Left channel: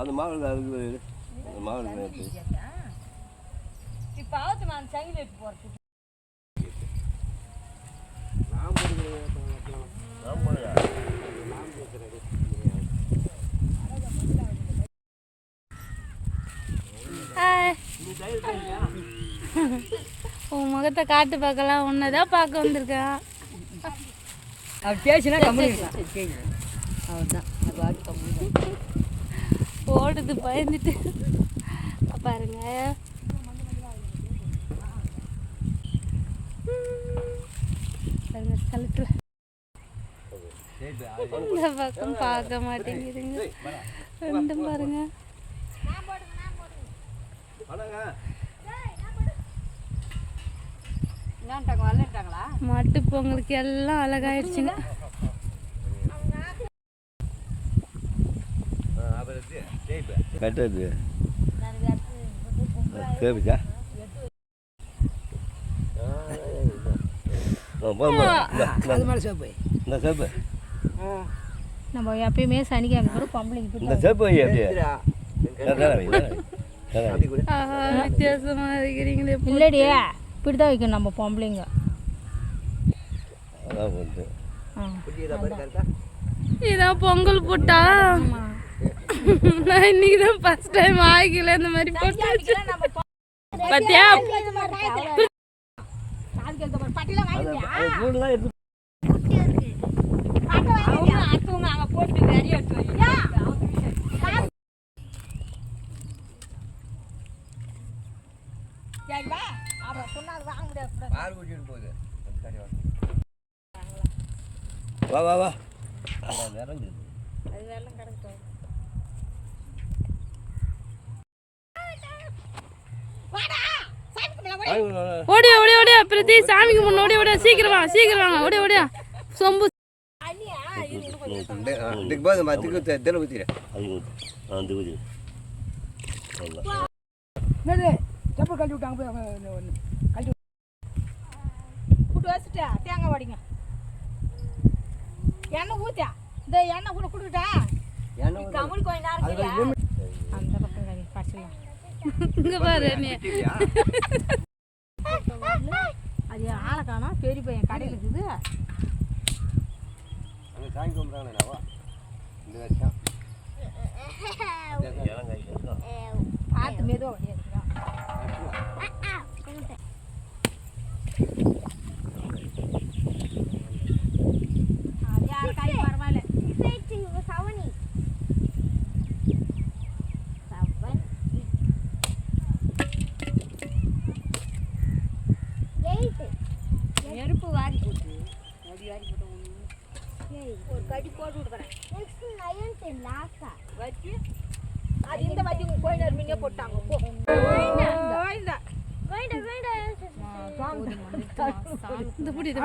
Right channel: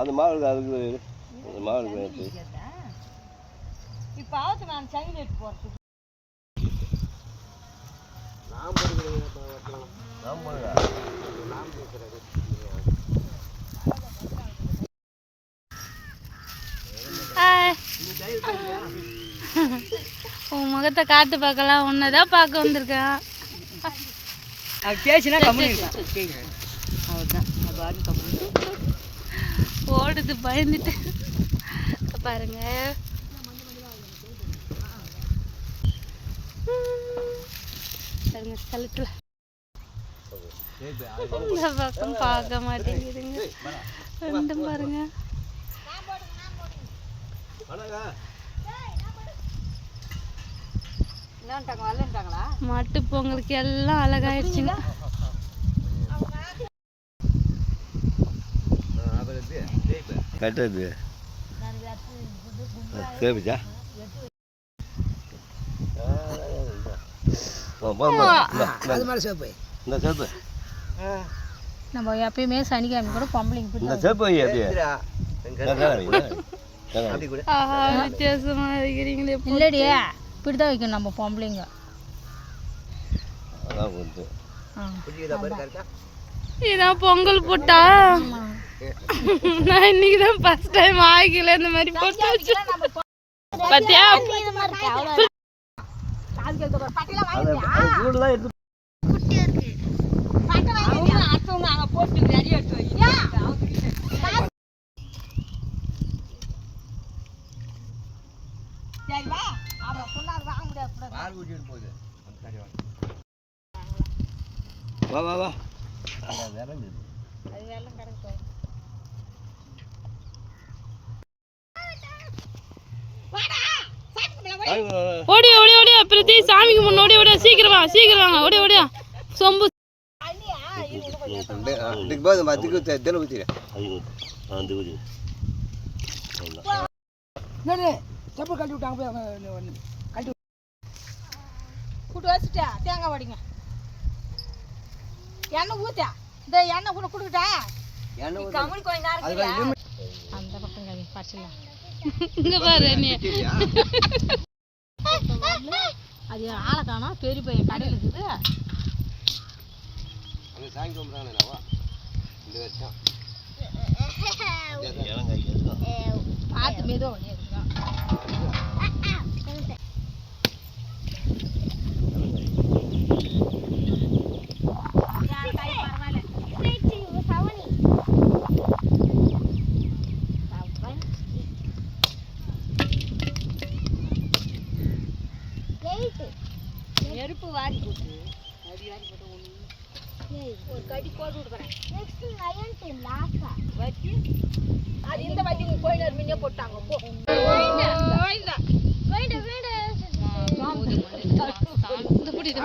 அந்த மாவு அதுக்கு மாவு இப்போ ஆத்து நான் சைன் எடுத்து போகிறது உன் முகத்தை காட்டு பார்க்கலாம் உன்னதான் பார்க்க வந்திருக்கேன். ஓடுது பயந்துட்டு பாருங்க. கழுத்துல இந்த பக்கம் பார்க்க மாட்டேங்குதுங்க ரெண்டும் பாருங்க. மாட்டு பொங்கலுக்கு எல்லாம் அழகாயிடுச்சுங்க. கட்டுறது சேமிச்சா நம்ம எப்பயுமே சனிக்கிழமை கூட பொம்பளைங்க வித்தியாசமா இருக்கிறீங்களே. இல்லடியா இப்படிதான் வைக்கணும் நம்ம பொம்பளைங்க. இதான் பொங்கல் போட்டா நான் இன்னைக்கு தான் ஃபர்ஸ்ட் டைம் ஆகிக்கல இந்த மாதிரி போட்டு பாத்தியா. வா வா வா ஓடியா ஓடியா ஓடியா பிரதி சாமிக்கு முன்ன ஓடியா ஓடியா சீக்கிரம் வாங்க சீக்கிரம் வாங்க ஓடியா ஓடியா சொம்பு செப்பல் கட்டி விட்டாங்க கட்டி கூட்டு வச்சுட்டா தேங்காய் வடிங்க எண்ணெய் ஊத்தா இந்த எண்ணெய் கூட கொடுக்கிட்டா கமல் கொஞ்ச நேரம் அந்த பக்கம் கவி பறிச்சிடலாம். இங்க பாரு நீ அது ஆளை காணா பெரிய பையன் கடையில் இருக்குது. பார்த்து மெதுவாக வண்டியா இருக்கிறான். நெருப்பு வாரி போட்டு அடி வாரி போட்டு ஒரு கடி போட்டு விடுறேன். நெக்ஸ்ட் நயன் டென் லாஸ்டா வச்சி அது இந்த வாட்டி உங்க கோயிலர் மீனே போட்டாங்க. போ கோயிலா கோயிலா இந்த புடி இது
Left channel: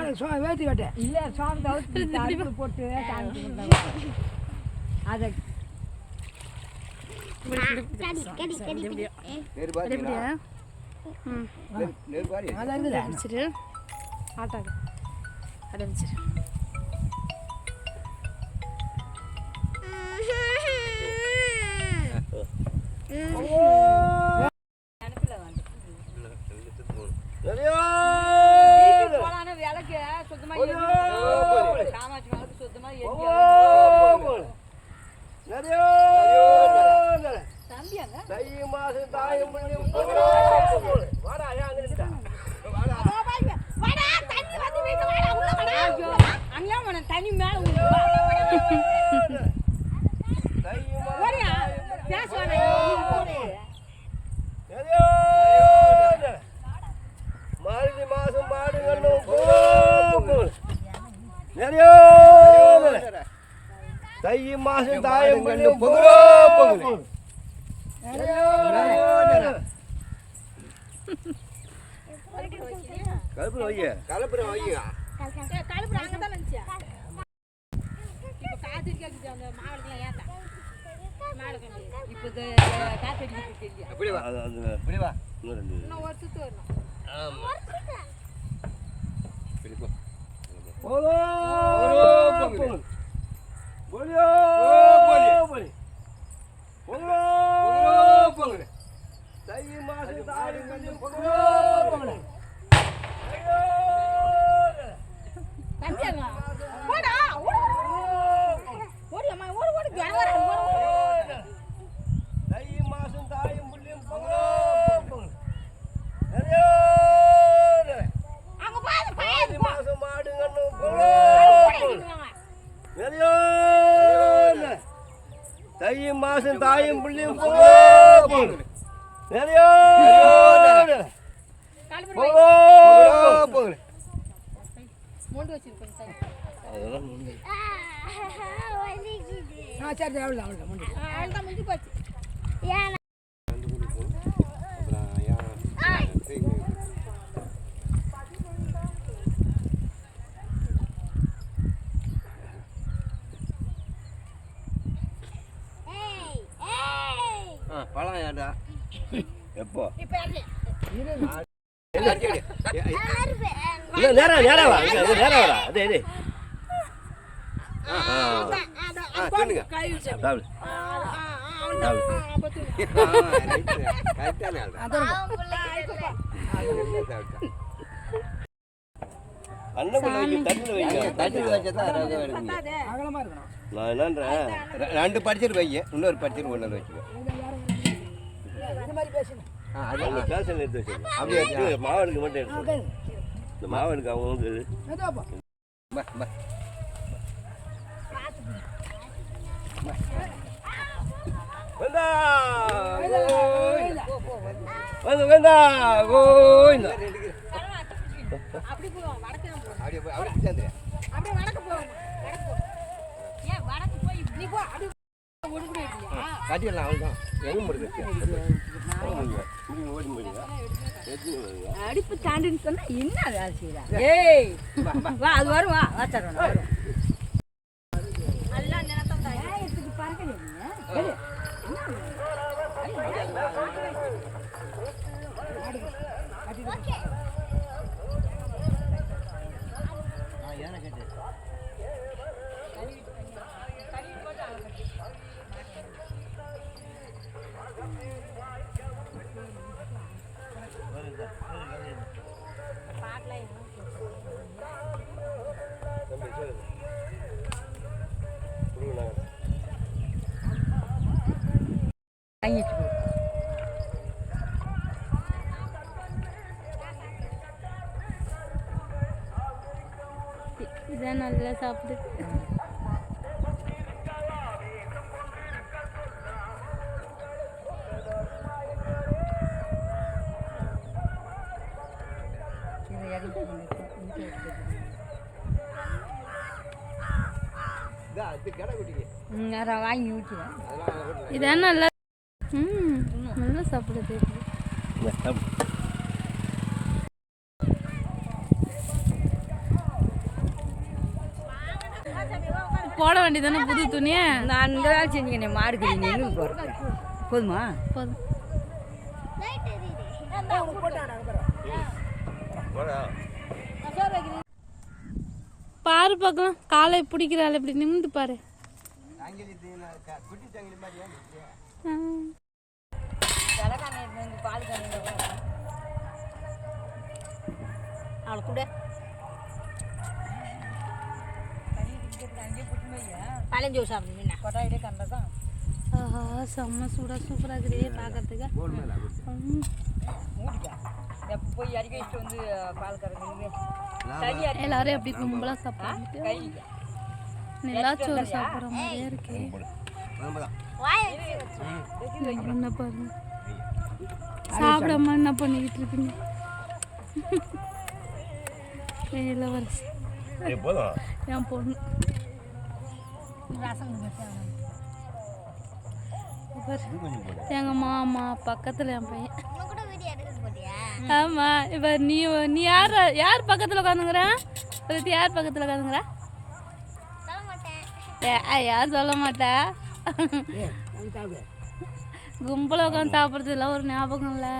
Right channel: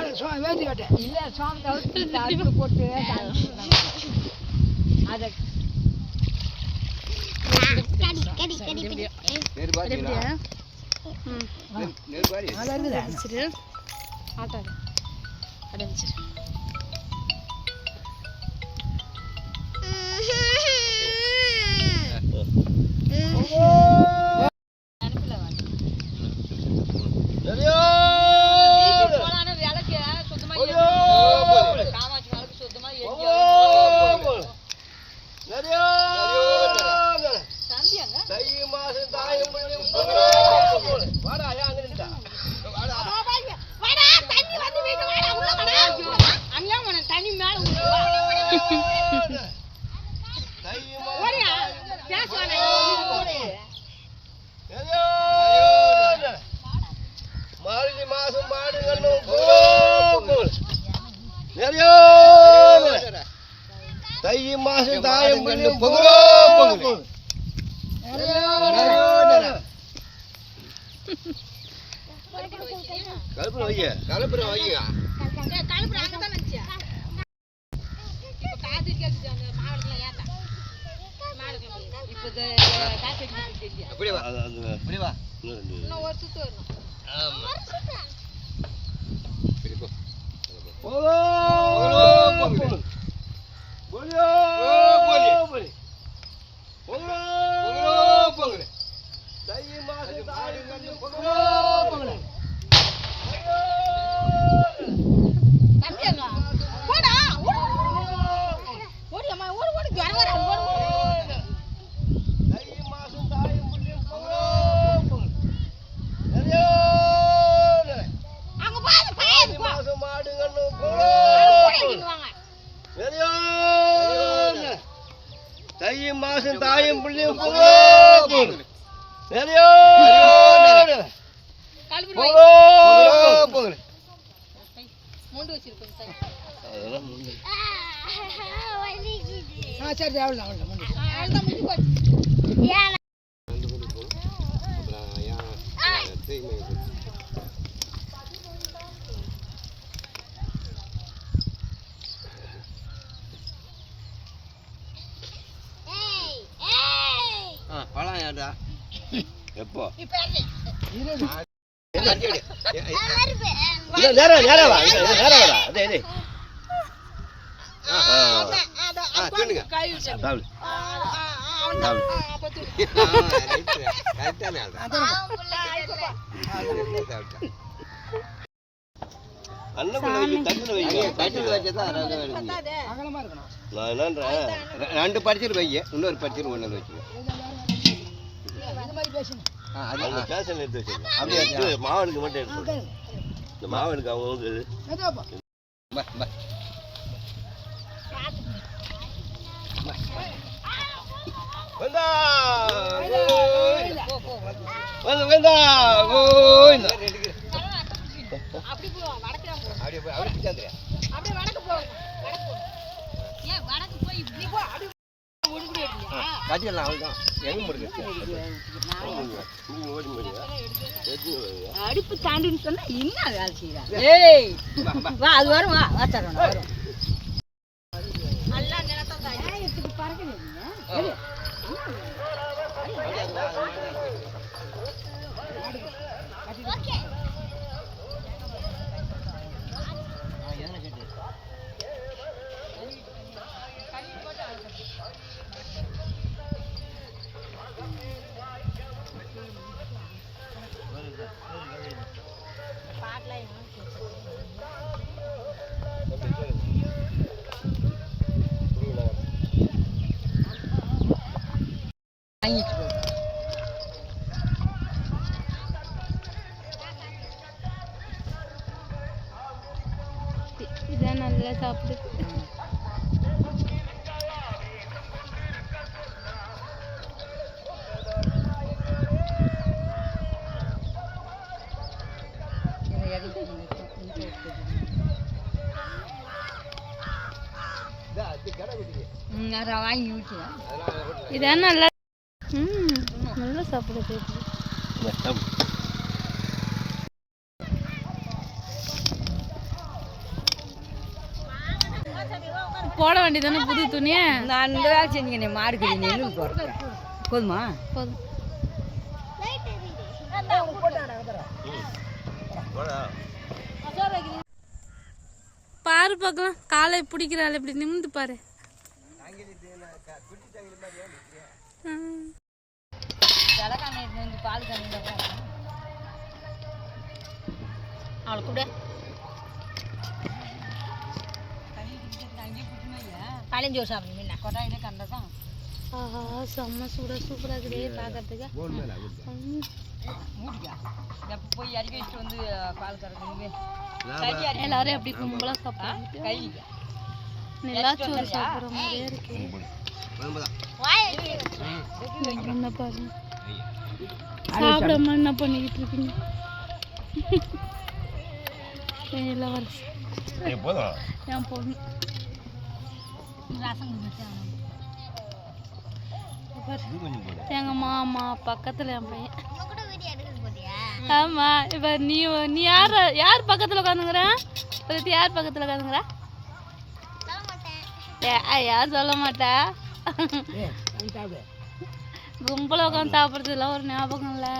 வேதி கட்ட இல்ல சாம் தவிர்த்து போட்டு அத கடி நேர் பாத்தீங்களா நேர் பாரி அத இருக்குது அடிச்சிரு ஆட்டாது அட வச்சிரு. தண்ணி மேல மார்கழி மாசம் மாடுகளும் தை மாசம் தாயம் கலப்புற வைய கலப்புற வைய கலப்புற அங்கதான் நினைச்சியா இப்ப காத்து கேக்குது அந்த மாடுலாம் ஏத்தா மாடுங்க இப்ப காத்து கேக்குது அப்படியே வா அப்படியே வா இன்னும் ஒரு சுத்து வரணும். ஆமா சரி போ போலோ போலோ போலோ போலோ போலோ மூண்டு வச்சிருக்கோம் சார். சரி அவ்வளோ அவ்வளோ முடியும். அவ்வளோதான் முடிஞ்சு போச்சு. எப்போ இப்போ யாரு? நேரம் நேரம் வா நேரம் வரா அதே அதே கை வச்சு. அதாவது நான் என்னன்றேன் 2 படிச்சிட்டு வை இன்னொரு படிச்சிட்டு ஒன்று வச்சுக்கோ அவங்க பேசல எடுத்து வச்சுக்கோ அப்படியே எடுத்து மாவனுக்கு மட்டும் எடுத்து இந்த மாவனுக்கு அவங்க வேண்டா வேண்டா கோயிந்தா அப்படி போவோம் வடக்கு தான் போவோம். அப்படியே அப்படியே அப்படியே வடக்கு போவோம். வடக்கு போ. ஏன் வடக்கு போய் இப்படி போ. அப்படி ஒண்ணு கூட எடுக்கலையா? காட்டிடலாம் அவ்வளோதான் எங்கே முடியாது அடுப்பு தாண்டின்னு சொன்னா என்ன வேலை செய்யறாங்க? ஏய் வா அது வரும் வா வாச்சறோம் வரும். நல்லா நிலத்தம் தான். ஏய் இதுக்கு பறக்க நீங்க. இதான் நல்லா சாப்பிடுது. வாங்கி ஊற்றி இதான் நல்லா நல்லா சாப்பிடுது. போட வேண்டியதானே புது துணியை. நான் இந்த வேலை செஞ்சீங்க மாடு கறி நெல் போடுறேன் போதுமா? போதும். பாரு பார்க்கலாம் காலை பிடிக்கிறாள் இப்படி நிமிந்து பாரு. அவளை கூட பழஞ்சு சாப்பிடுங்க கொட்டாயிட்டே கண்டதான். ஆஹா செம்ம சூப்பராக இருக்குதே பார்க்கறதுக்கு. போய் இறக்கி வச்சுட்டு வந்து பால் கறந்து எல்லாரும் எப்படி கும்பலாக சாப்பிட்றாங்க. நிலாச்சோறு சாப்பிட்ற மாதிரியே இருக்கு. என்ன பாருங்க சாப்பிடாம என்ன பண்ணிக்கிட்டு இருக்கீங்க? இளவரசி என் பொண்ணு எங்க மாமா பக்கத்துல என் பையன். ஆமா இப்ப நீ யார் பக்கத்துல உட்காந்துங்கிற? யார் பக்கத்துல உட்காந்துங்கிற? யார் சொல்ல மாட்டா. கும்பல உட்காந்து சாப்பிட்றதுல ஒரு ஞாபகம் இல்லை.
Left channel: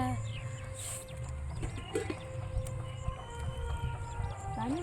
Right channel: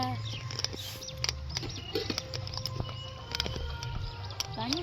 தண்ணி